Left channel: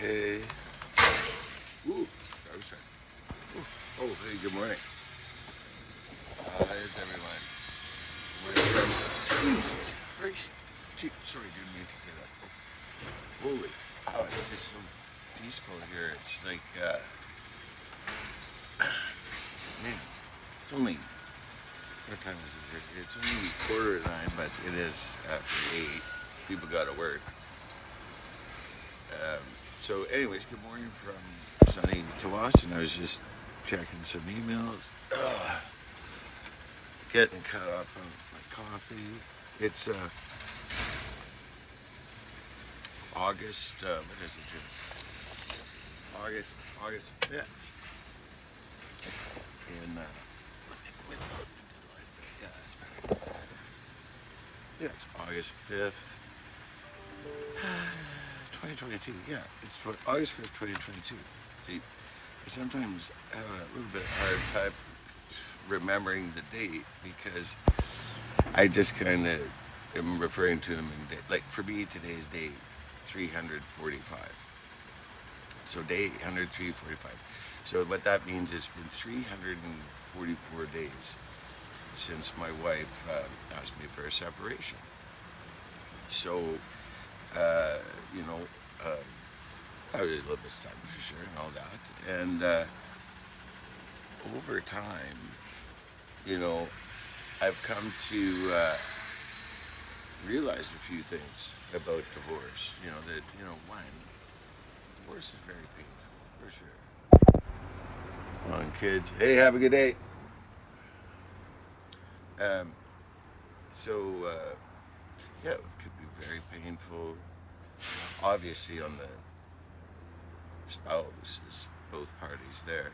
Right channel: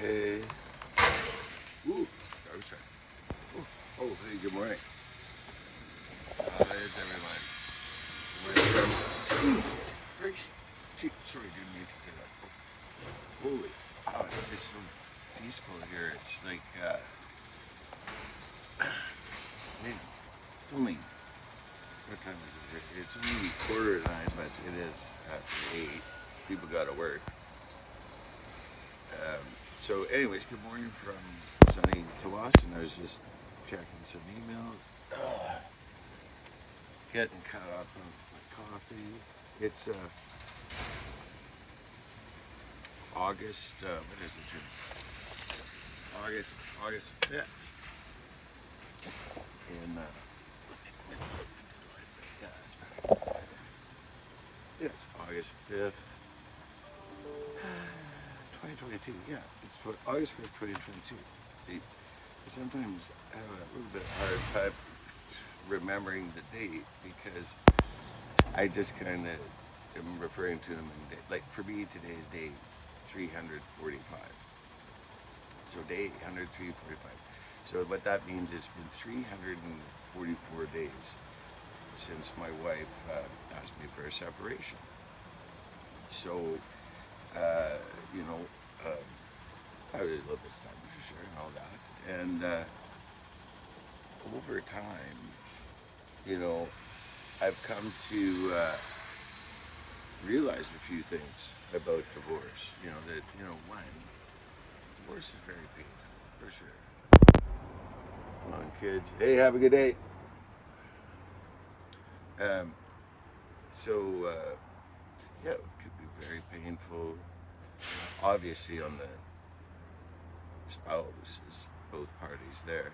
Hey. Ooh, dog side. Ooh. Oh, hey, good morning. There's everyone. Jesus Christ. Gee, sorry, didn't mean to say that. Holy. Oh, it's just so peaceful here. It's like, man, it's only, what time is it? It's only 8:45, but it is after 8. People got to work. So, anyways, good morning from sunny to us, and I was just checking some emails. Ugh, getting caught up on my coffee. It's August. What is it? August 5th. And yeah, that's better. Yeah, it's August 5th, 2022. Yeah, it's August 5th, 2022. See, I sometimes have a little bit hard time remembering the date because I just kind of am referring to them in day. Like for me, today's day 345. So day 103.45. So what that means is it's been 344 days since my wife asked me for a separation. So, uh, you know, I was a little bit stuck for sure and all that. And over time, you know, I've come to realize a few things about divorce. You know, that, one, divorce is very painful, for sure. On kids, hey, have a good day. Um, so, yeah, it could be very painful. Obviously, on the spouse is both parties there,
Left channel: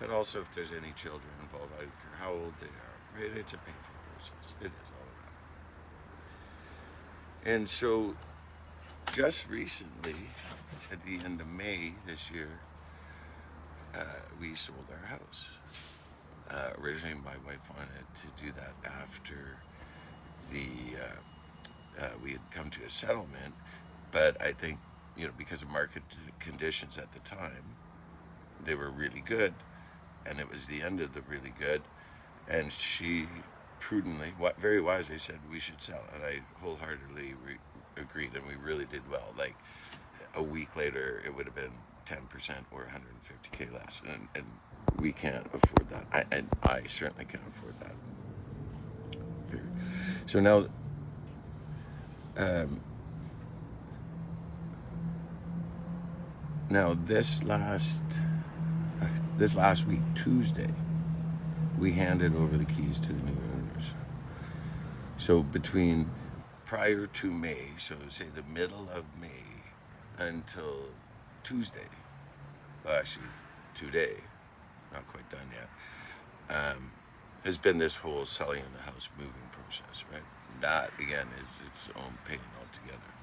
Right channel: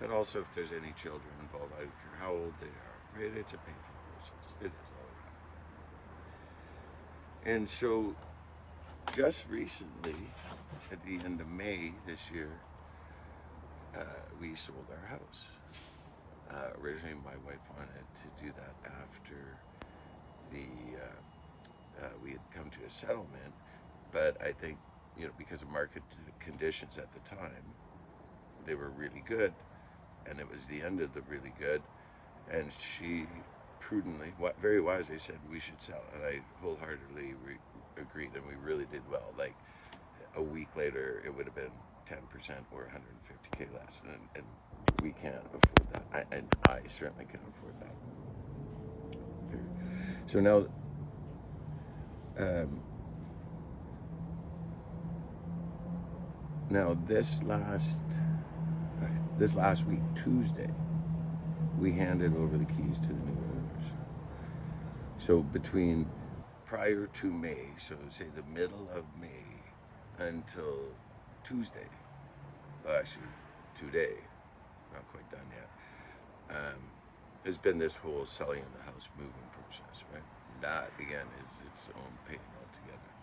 but also if there's any children involved, I don't care how old they are, right? It's a painful process. It is all around. And so, just recently, at the end of May this year, we sold our house. Originally, my wife wanted to do that after the we had come to a settlement, but I think, because of market conditions at the time, they were really good, and it was the end of the really good, and she prudently, very wisely said we should sell, and I wholeheartedly agreed, and we really did well. Like a week later, it would have been 10% or 150K less, and we can't afford that. I certainly can't afford that. So now, um, now this last week, Tuesday, we handed over the keys to the new owners. So between prior to May, so say the middle of May until Tuesday, well, actually today, not quite done yet, has been this whole selling of the house moving process, right? That again is its own pain altogether.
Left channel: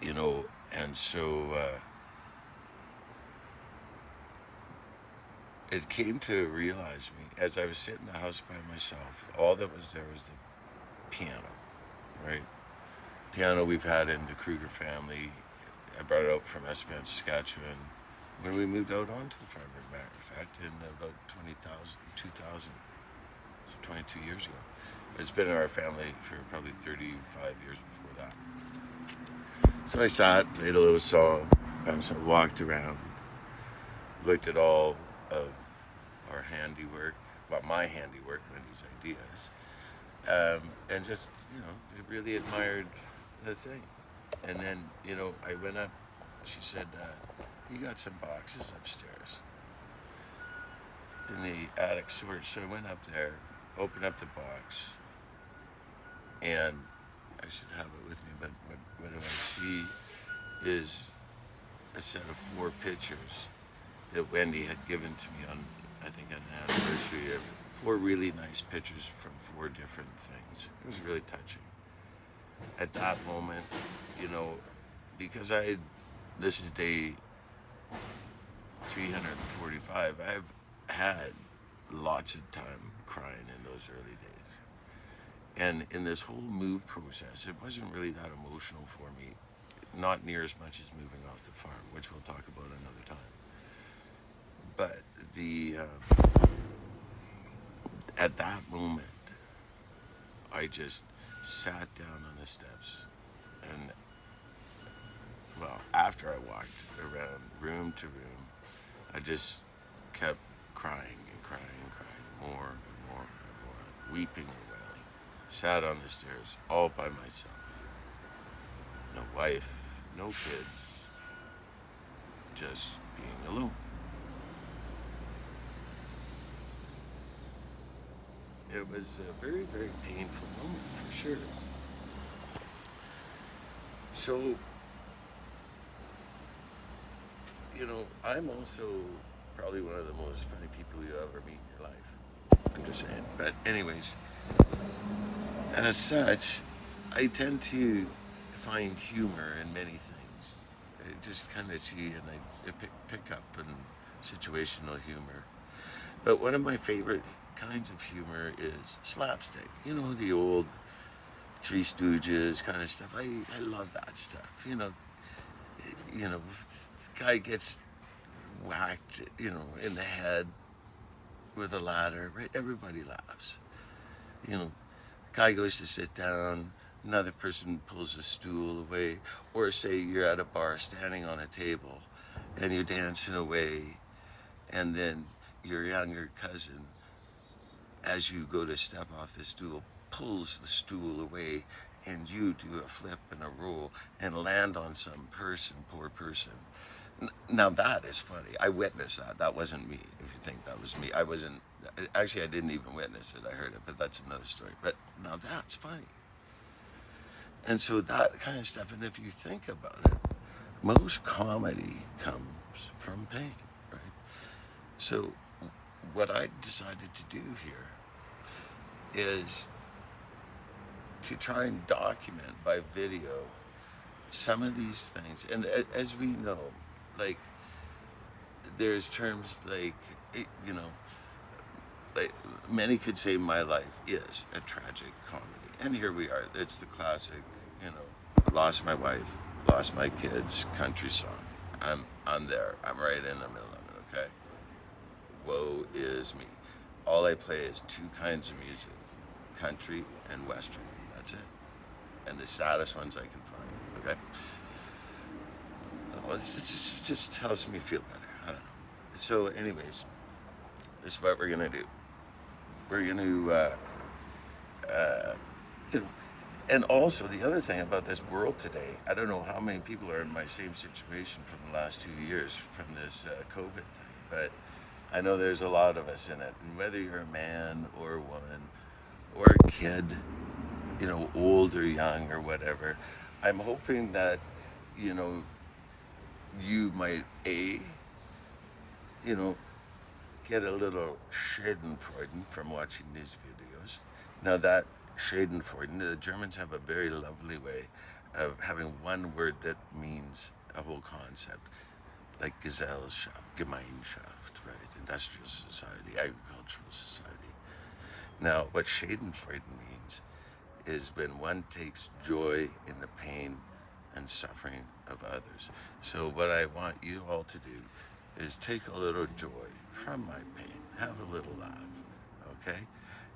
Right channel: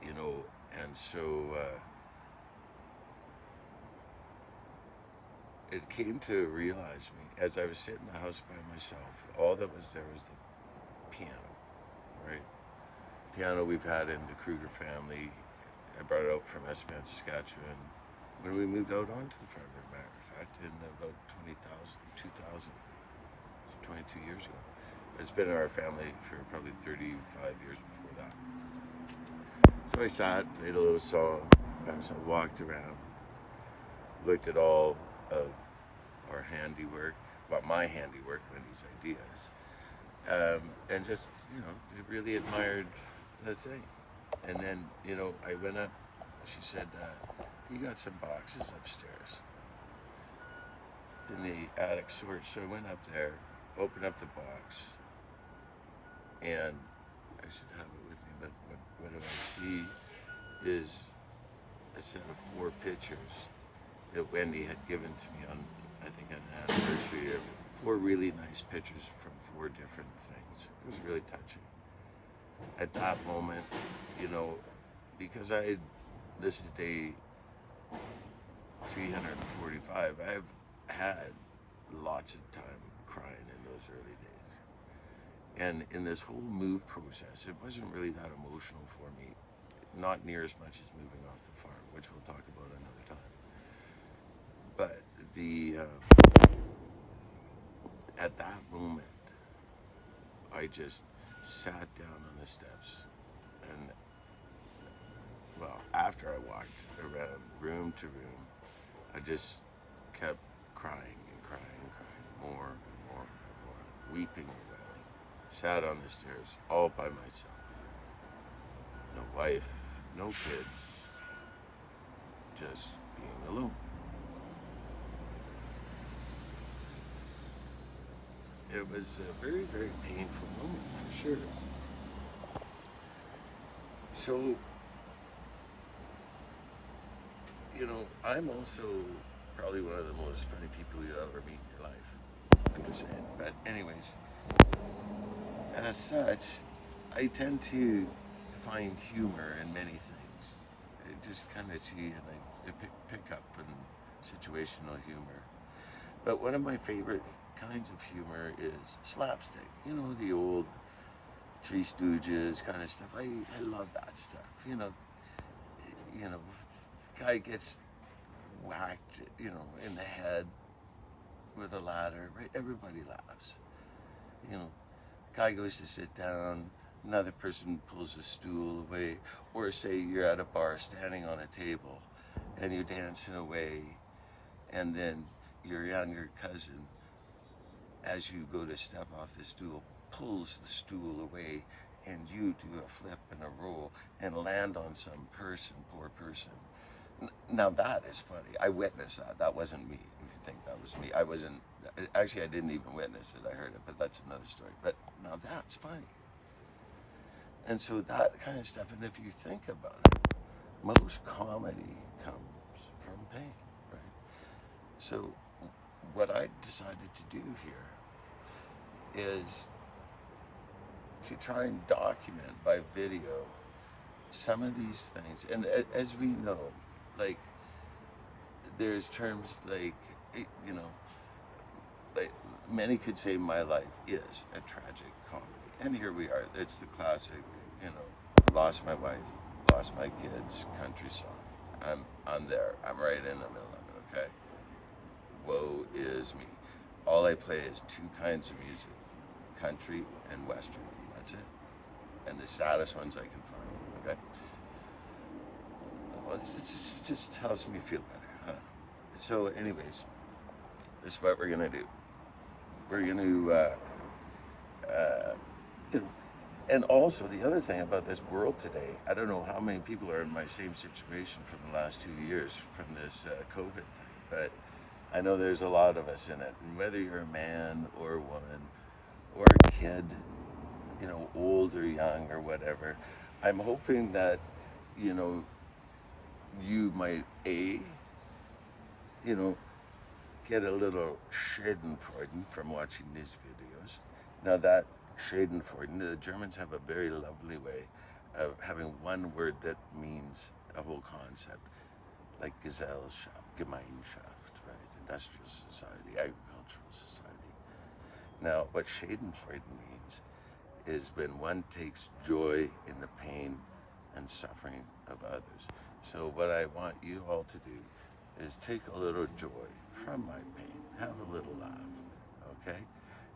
You know, and so it came to realize me as I was sitting in the house by myself. All that was there was the piano, right? Piano we've had in the Krueger family. I brought it out from SNFUs, Saskatchewan, when we moved out onto the farm, as a matter of fact, in about 2000, so 22 years ago. But it's been in our family for probably 35 years before that. So I sat, played a little song, so I walked around, looked at all of our handiwork, well, my handiwork, Wendy's ideas, and just, really admired the thing. And then, I went up, she said, you got some boxes upstairs in the attic storage. So I went up there, opened up the box, and I should have it with me, but what do I see is a set of 4 pictures that Wendy had given to me on, I think, an anniversary of 4 really nice pictures from 4 different things. It was really touching. At that moment, because this is day 345, I've had lots of time crying in those early days. And in this whole move process, it wasn't really that emotional for me not near as much as moving off the farm, which we'll talk about another time. But the at that moment, I just sat down on the steps, and well, after I walked around room to room, I just kept crying and crying and crying more and more and more, weeping and wailing. Sat on the stairs all by myself. No wife, no kids, just being alone. It was a very, very painful moment for sure. So, I'm also probably one of the most funny people you ever meet in your life. I'm just saying. But anyways, as such, I tend to find humor in many things. I just kind of see and I pick up in situational humor. But one of my favorite kinds of humor is slapstick. The old Three Stooges kind of stuff. I love that stuff. The guy gets whacked, in the head with a ladder, right? Everybody laughs. Guy goes to sit down, another person pulls a stool away, or say you're at a bar standing on a table and you're dancing away, and then your younger cousin, as you go to step off the stool, pulls the stool away, and you do a flip and a roll and land on some person, poor person. Now that is funny. I witnessed that. That wasn't me. If you think that was me, I wasn't. Actually, I didn't even witness it. I heard it, but that's another story. But now that's funny. And so that kind of stuff. And if you think about it, most comedy comes from pain, right? So what I decided to do here is to try and document by video some of these things. And as we know, like, there's terms like, like many could say my life is a tragic comedy. And here we are. It's the classic, lost my wife, lost my kids, country song. I'm there. I'm right in the middle of it, okay? Woe is me. All I play is two kinds of music, country and western. That's it. And the saddest ones I can find, okay? Well, it just helps me feel better. I don't know. So anyways, this is what we're going to do. We're going to, you know, and also the other thing about this world today, I don't know how many people are in my same situation from the last 2 years from this COVID thing, but I know there's a lot of us in it. And whether you're a man or a woman or a kid, old or young or whatever, I'm hoping that, you might, you know, get a little Schadenfreude from watching these videos. Now that Schadenfreude, the Germans have a very lovely way of having one word that means a whole concept, like Gesellschaft, Gemeinschaft, right? Industrial society, agricultural society. Now, what Schadenfreude means is when one takes joy in the pain and suffering of others. So what I want you all to do is take a little joy from my pain, have a little laugh, okay?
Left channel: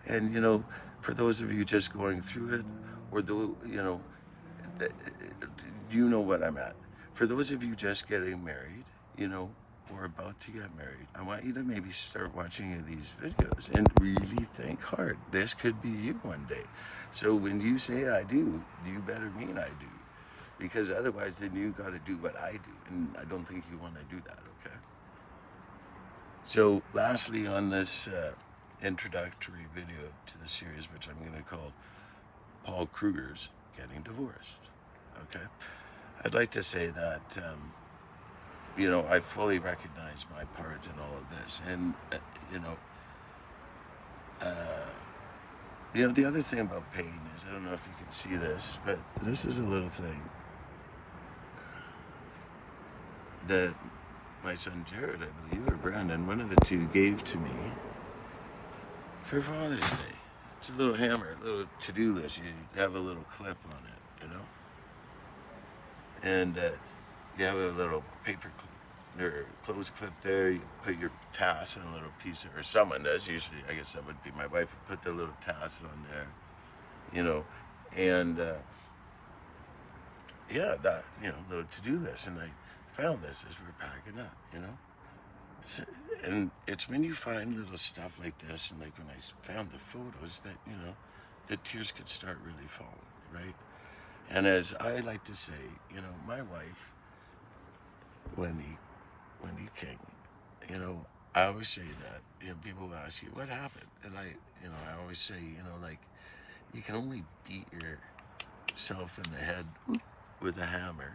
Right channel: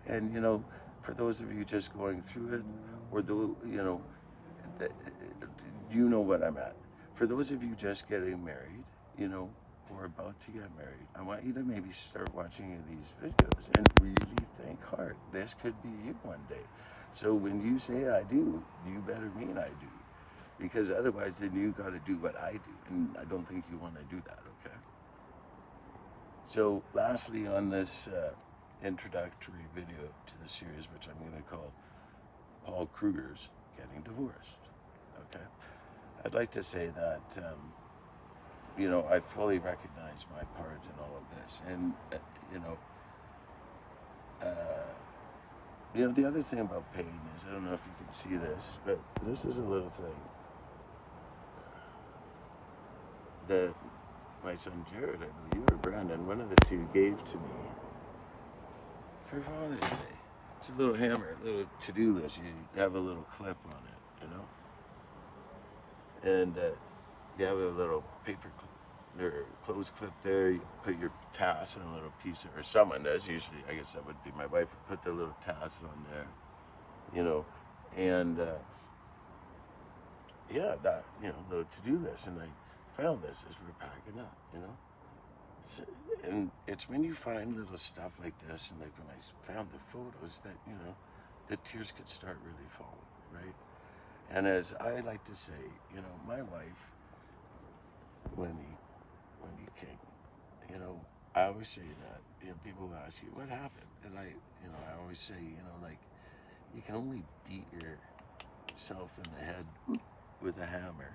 And for those of you just going through it, or you know what I'm at. For those of you just getting married, or about to get married, I want you to maybe start watching these videos and really think hard. This could be you one day. So when you say I do, you better mean I do. Because otherwise then you got to do what I do. And I don't think you want to do that, okay? So lastly, on this introductory video to the series, which I'm going to call Paul Krueger's Getting Divorced, okay? I'd like to say that, I fully recognize my part in all of this. And, the other thing about pain is, I don't know if you can see this, but this is a little thing that my son Jared, I believe, or Brandon, one of the two, gave to me for Father's Day. It's a little hammer, a little to-do list. You have a little clip on it, and you have a little paper or clothes clip there. You put your tass on a little piece of, or someone does. Usually, I guess that would be my wife. Would put the little tass on there, you know, and yeah, that, little to-do list. And I found this as we were packing up, So, and it's when you find little stuff like this, and like when I found the photos, that the tears could start really falling, right? And as I like to say, my wife, Wendy King, I always say that, people will ask you what happened, and I always say, like, you can only beat yourself in the head with a hammer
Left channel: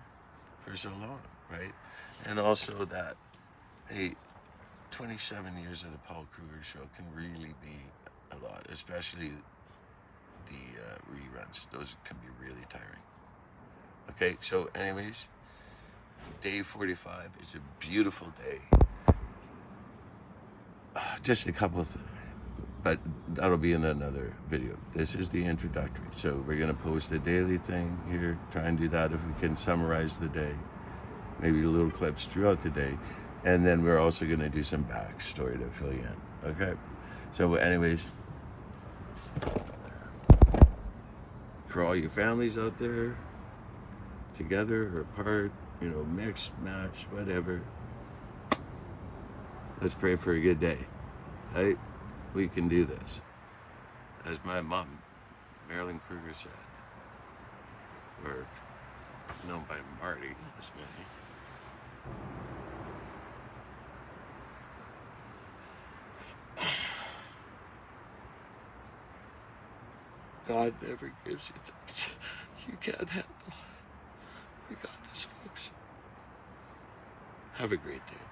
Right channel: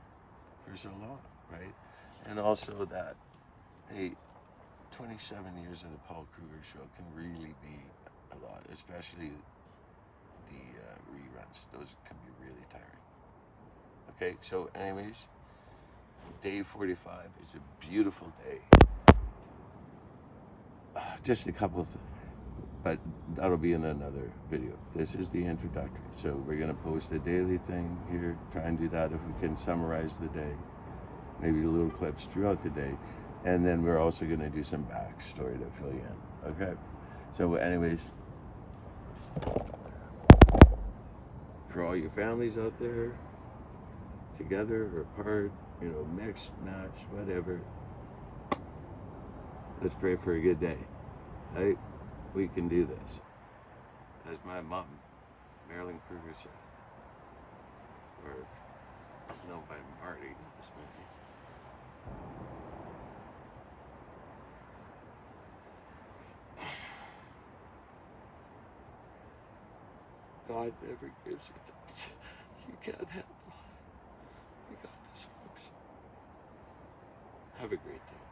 for so long, right? And also that, hey, 27 years of the Paul Krueger show can really be a lot, especially the reruns. Those can be really tiring. Okay, so anyways, day 45 is a beautiful day. Just a couple of things, but that'll be in another video. This is the introductory. So we're gonna post a daily thing here, try and do that if we can summarize the day, maybe little clips throughout the day. And then we're also gonna do some backstory to fill you in, okay? So anyways, for all your families out there, together or apart, mixed, match, whatever, let's pray for a good day, right? We can do this. As my mom, Marilyn Krueger, said, or known by Marty, as many, God never gives you things you can't handle. We got this, folks. Have a great day.